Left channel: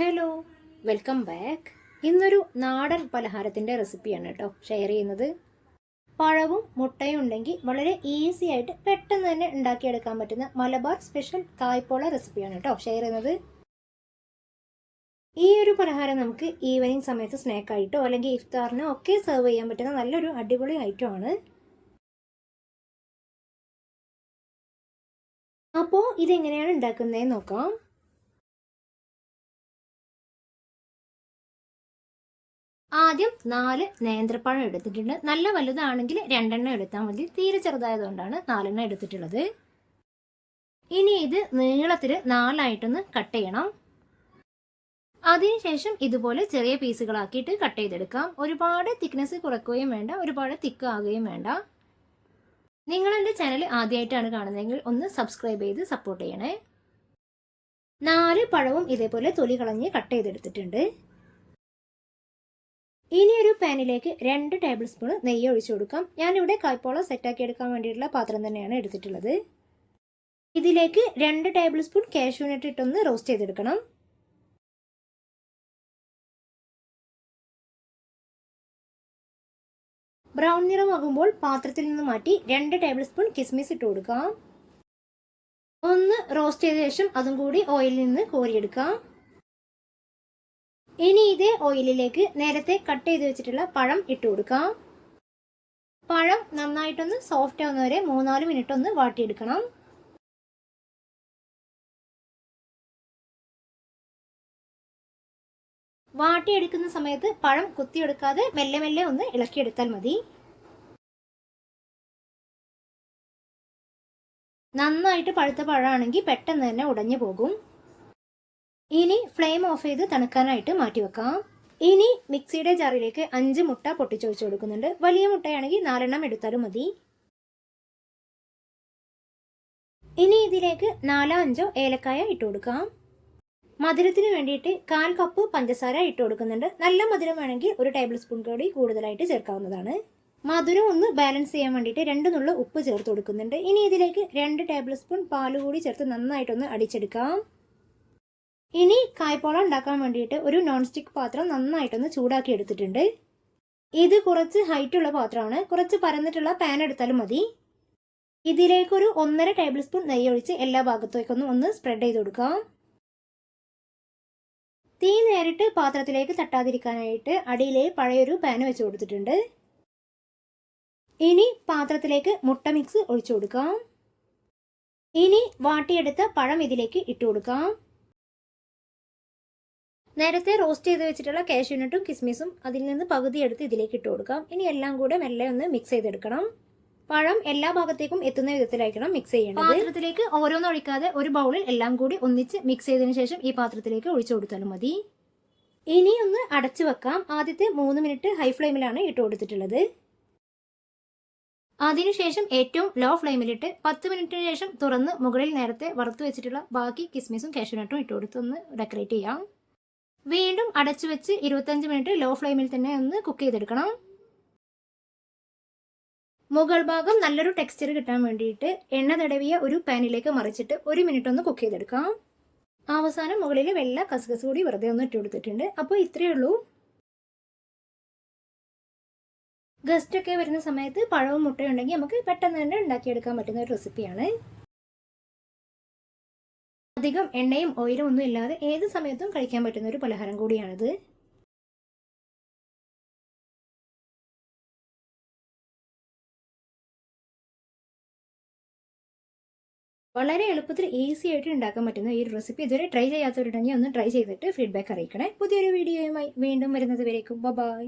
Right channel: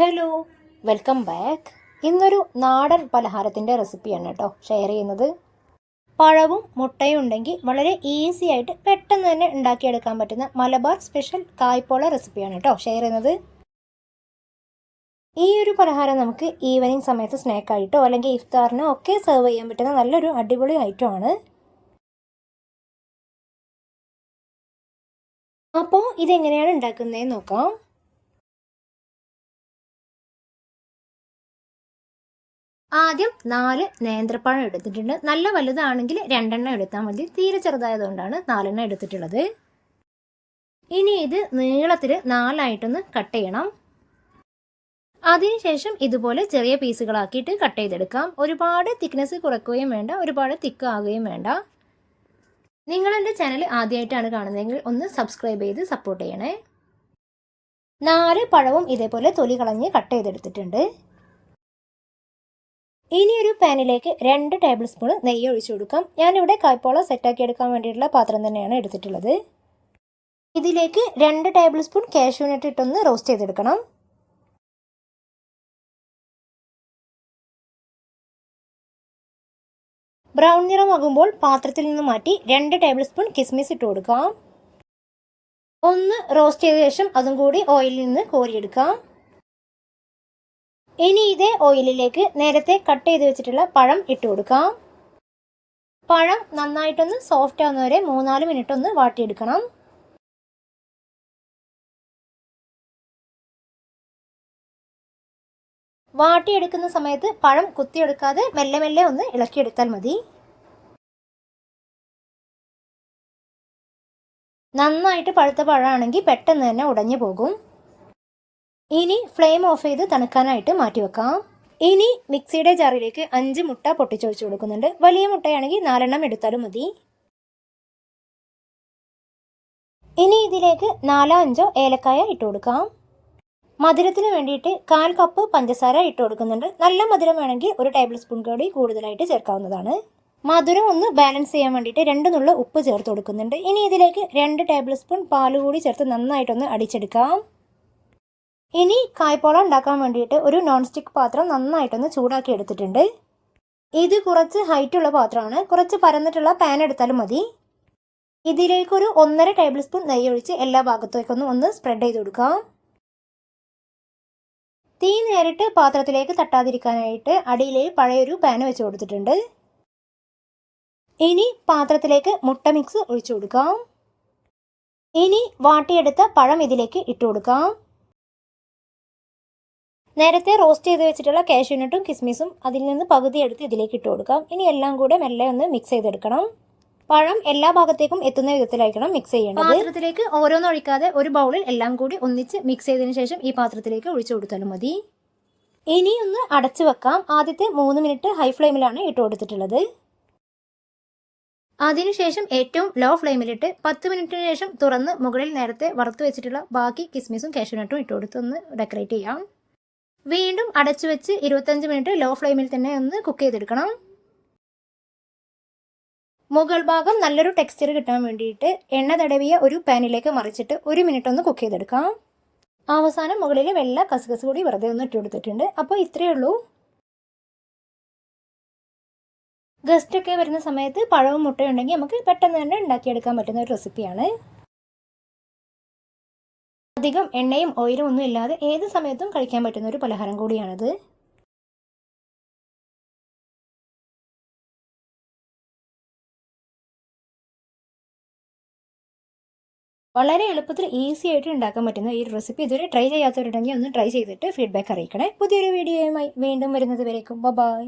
Hello, welcome back. ഇന്നൊരു നാടൻ പലഹാരത്തിൻ്റെ റെസിപ്പിയാണ് കേട്ടോ ഷെയർ ചെയ്യുന്നത്. പഴവും മുട്ടയും ഉണ്ടെങ്കിൽ വളരെ ഈസി ആയിട്ട് പെട്ടെന്ന് തന്നെ ഉണ്ടാക്കിയെടുക്കാൻ പറ്റുന്ന മലബാർ സ്പെഷ്യൽ കായ്പോള റെസിപ്പിയാണ് കേട്ടോ ഷെയർ ചെയ്യുന്നത്. ഈ ഒരു പലഹാരം നമുക്ക് ഈവനിങ് സമയത്ത് സ്നാക്കായിട്ടോ അല്ലെങ്കിൽ ഇഫ്താറിനോ ഒക്കെ സെർവ് ചെയ്യാൻ പറ്റുന്ന നല്ലൊരു അടിപൊളി ഐറ്റമാണ്. അപ്പോൾ ഇതെങ്ങനെയാണ് ഉണ്ടാക്കുന്നതെന്ന് നോക്കാം. ആദ്യം 4 നേന്ത്രപ്പഴം എടുത്തിട്ടുണ്ട്. നല്ല വലുതാണെങ്കിൽ 2 എണ്ണം എടുത്താൽ മതി. തീരെ ചെറുതായതുകൊണ്ടാണ് 4 എണ്ണം എടുത്തിട്ടുള്ളത്. ഇനി ഇത് നീളത്തിൽ 4 ആയിട്ടൊന്ന് കട്ട് ചെയ്യണം. അതിനുശേഷം ഇതുപോലെ ചെറിയ പീസുകളാക്കിയിട്ട് കട്ട് ചെയ്തെടുക്കാം. ഒരുപാട് തിക്നെസ് കുറയ്ക്കുകയും വേണ്ട, ഒരുപാട് തിക്ക് ആവുകയും വേണ്ട. നിങ്ങൾ എൻ്റെ ചാനൽ ആദ്യമായിട്ടാണ് കാണുന്നതെങ്കിൽ ഒന്ന് സബ്സ്ക്രൈബ് ചെയ്ത് സപ്പോർട്ട് ചെയ്യണേ. 4 പഴവും ഇതേപോലെ തൊലി കളഞ്ഞ് കട്ട് ചെയ്തെടുത്തിട്ടുണ്ട്. ഇനി ഒരു പാനിലേക്ക് 2 ടേബിൾ സ്പൂൺ നെയ്യ് ഒഴിച്ചു കൊടുക്കാം. ഞാനിവിടെ കായ്പോള സെറ്റാക്കി എടുക്കാൻ വേണ്ടിയിട്ടുള്ള പാത്രം തന്നെയാണ് എടുത്തിട്ടുള്ളത്. ഇതിലേക്ക് 2 ടേബിൾ സ്പൂൺ കാഷ്യൂ നട്ട് ഇട്ടൊന്ന് റോസ്റ്റ് ചെയ്തെടുക്കണം. ബ്രൗൺ നിറമാകുമ്പോൾ പാത്രത്തിൽ നിന്ന് മാറ്റി 2 ടേബിൾ സ്പൂൺ കിസ്മിസ് ഇട്ട് കൊടുക്കാം. ഒന്ന് റോസ്റ്റ് ചെയ്ത ശേഷം അതും കൂടി ഓയിലിൽ നിന്ന് കോരിയെടുക്കാം. ഇനി ഇതേ ഓയിലിലേക്ക് നേരത്തെ കട്ട് ചെയ്ത് വെച്ചിട്ടുള്ള പഴം ഇട്ട് കൊടുക്കാം. പഴം നന്നായിട്ടൊന്ന് സോഫ്റ്റ് ആവുന്നവരെ 3-4 മിനിറ്റ് ഒന്ന് വാട്ടിയെടുക്കണം. വാട്ടിയെടുക്കുന്ന സമയത്ത് പഴം കുത്തിയെടുക്കാതെ മെല്ലെ മെല്ലെ ഒന്ന് ഇളക്കിയെടുത്താൽ മതി. നന്നായിട്ട് പഴുത്ത പഴമാണെങ്കിൽ പെട്ടെന്ന് തന്നെ ഉടഞ്ഞു പോകും. ഇനി ഫ്ലെയിം ഓഫ് ചെയ്ത് തണുക്കാനായിട്ട് മാറ്റി വെക്കാം. ഇനി മിക്സിയുടെ ജാറിലേക്ക് 5 മുട്ട പൊട്ടിച്ചൊഴിച്ച് കൊടുക്കുന്നുണ്ട്. വലിയ മുട്ടയാണെങ്കിൽ 4 എണ്ണം എടുത്താലും മതി. ഇനി ഇതിലേക്ക് 4-5 ഏലക്കായ ഇട്ട് കൊടുക്കാം. മധുരത്തിന് വേണ്ടിയിട്ട് 1/4 കപ്പ് പഞ്ചസാര ഇട്ട് കൊടുക്കുന്നുണ്ട്. നല്ല മധുരം വേണമെങ്കിൽ 1 ടേബിൾ സ്പൂൺ കൂടി കൂടുതലായിട്ട് ചേർക്കാവുന്നതാണ്. മധുരം ഒന്ന് ബാലൻസ് ചെയ്യാൻ വേണ്ടിയിട്ട് 2 നുള്ള ഉപ്പ് ചേർത്ത് കൊടുക്കുന്നുണ്ട്. ഇനി ഇതിലേക്ക് 2 ടേബിൾ സ്പൂൺ പാൽ കൂടി ചേർത്ത് നന്നായിട്ടൊന്ന് അടിച്ചെടുക്കാം. ഇനി കായ്പോള ഉണ്ടാക്കാൻ വേണ്ടിയിട്ട് ഒരു നോൺ സ്റ്റിക്ക് പാത്രം നന്നായിട്ടൊന്ന് ചൂടാക്കി എടുത്തിട്ടുണ്ട്. ഇത് കുറച്ച് ഹൈറ്റുള്ള പാത്രമാണ്. കുറച്ച് പരന്നിട്ടുള്ള പാൻ എടുത്താലും മതി. ഇതിലേക്കൊരു 1.5 ടേബിൾ സ്പൂൺ നെയ്യ് ഒഴിച്ച് എല്ലാ ഭാഗത്തേക്കൊന്നും ഒന്ന് സ്പ്രെഡ് ചെയ്ത് കൊടുക്കാം. തീ നേരിട്ട് പാത്രത്തിലേക്ക് തട്ടാതിരിക്കാനായിട്ട് അടിയിലെ പഴയൊരു പാൻ വെച്ച് കൊടുത്തിട്ടുണ്ട്. ഇനി പാത്രത്തിലേക്ക് മുട്ട മിക്സ് ഒഴിച്ചു കൊടുക്കാം. ഇനി വാട്ടിയെടുത്ത പഴം ഇതിലേക്ക് ഇട്ട് കൊടുക്കാം. നേരത്തെ റോസ്റ്റ് ചെയ്ത് വെച്ചിട്ടുള്ള കാഷ്യൂ നട്ടും കിസ്മിസും അതിൽ നിന്ന് പകുതി എടുത്ത് ഇതിലേക്ക് ഇട്ട് കൊടുക്കാം. ഇനി എല്ലാം കൂടെ മെല്ലെ ഒന്ന് മിക്സ് ചെയ്തെടുക്കണം. പഴം എല്ലാ ഭാഗത്തേക്കും എത്തുന്ന വിധത്തിലായിരിക്കണം മിക്സ് ചെയ്യേണ്ടത്. പാത്രത്തിലേക്ക് ഓരോന്നും ഒഴിക്കാതെ ഒരു ബൗളിൽ എല്ലാം കൂടി ഒന്നിച്ച് മിക്സ് ചെയ്തതിന് ശേഷം ഈ പാത്രത്തിലേക്ക് ഒഴിച്ചു കൊടുത്താലും മതി. ഇനി ഒന്ന് അടച്ചു വെക്കാം. ആദ്യത്തെ 3 മിനിറ്റ് ഹൈ ഫ്ലെയിമിലാണ് ഇട്ട് കൊടുത്തിട്ടുള്ളത്. അതിനുശേഷം ഏറ്റവും ലോ ഫ്ലെയിമിലിട്ട് 10 മിനിറ്റിന് ശേഷം തുറന്ന് മുകളിൽ നേരത്തെ വറുത്ത് വെച്ചിട്ടുള്ള ബാക്കി കിസ്മിസും കാഷ്യൂ നട്ടും ഇട്ട് കൊടുത്ത് ഒന്ന് ഡെക്കറേറ്റ് ചെയ്യാം. വീണ്ടും അടച്ചു വെച്ച് 25 മിനിറ്റ് ലോ ഫ്ലെയിമിൽ തന്നെ ഒന്ന് കുക്ക് ചെയ്തെടുക്കണം. മുകൾ ഭാഗം നല്ലൊരു ടെക്സ്ചർ കിട്ടാൻ വേണ്ടിയിട്ട് എണ്ണ തടവിയ ഒരു പാനിലേക്ക് മറിച്ചിട്ട് 1 മിനിറ്റ് ഒന്ന് കുക്ക് ചെയ്തെടുക്കാം. അവസാനം മുകളിൽ വെള്ള കസ്കസ് കൂടി വെറുതെ ഒന്ന് ഇട്ട് കൊടുത്തിട്ടുണ്ട്. അപ്പോൾ ഇത്രയേ ഉള്ളൂ. ഗസ്റ്റൊക്കെ വരുന്ന സമയത്ത് പഴവും മുട്ടയും ഉണ്ടെങ്കിൽ നമുക്ക് പെട്ടെന്ന് തന്നെ ഉണ്ടാക്കിയെടുക്കാൻ പറ്റുന്ന ഒരു റെസിപ്പിയാണ്. അധികം എണ്ണയും ഓയിലും ഒന്നും ഇല്ലാതെ ഏത് സമയത്തും കഴിക്കാൻ പറ്റുന്ന ഒരു പലഹാരം കൂടിയാണിത്. വളരെ എളുപ്പത്തിൽ ഈസി ആയിട്ട് ഉണ്ടാക്കാൻ പറ്റുന്ന ഈ ഒരു റെസിപ്പി ഇതുവരെ ട്രൈ ചെയ്യാത്തവരുണ്ടെങ്കിൽ ഒന്ന് ട്രൈ ചെയ്തിട്ട് ഫീഡ്ബാക്ക് അറിയിക്കണേ. പുതിയൊരു വീഡിയോയുമായി വീണ്ടും വരുന്നത് വരേക്കും ബൈ.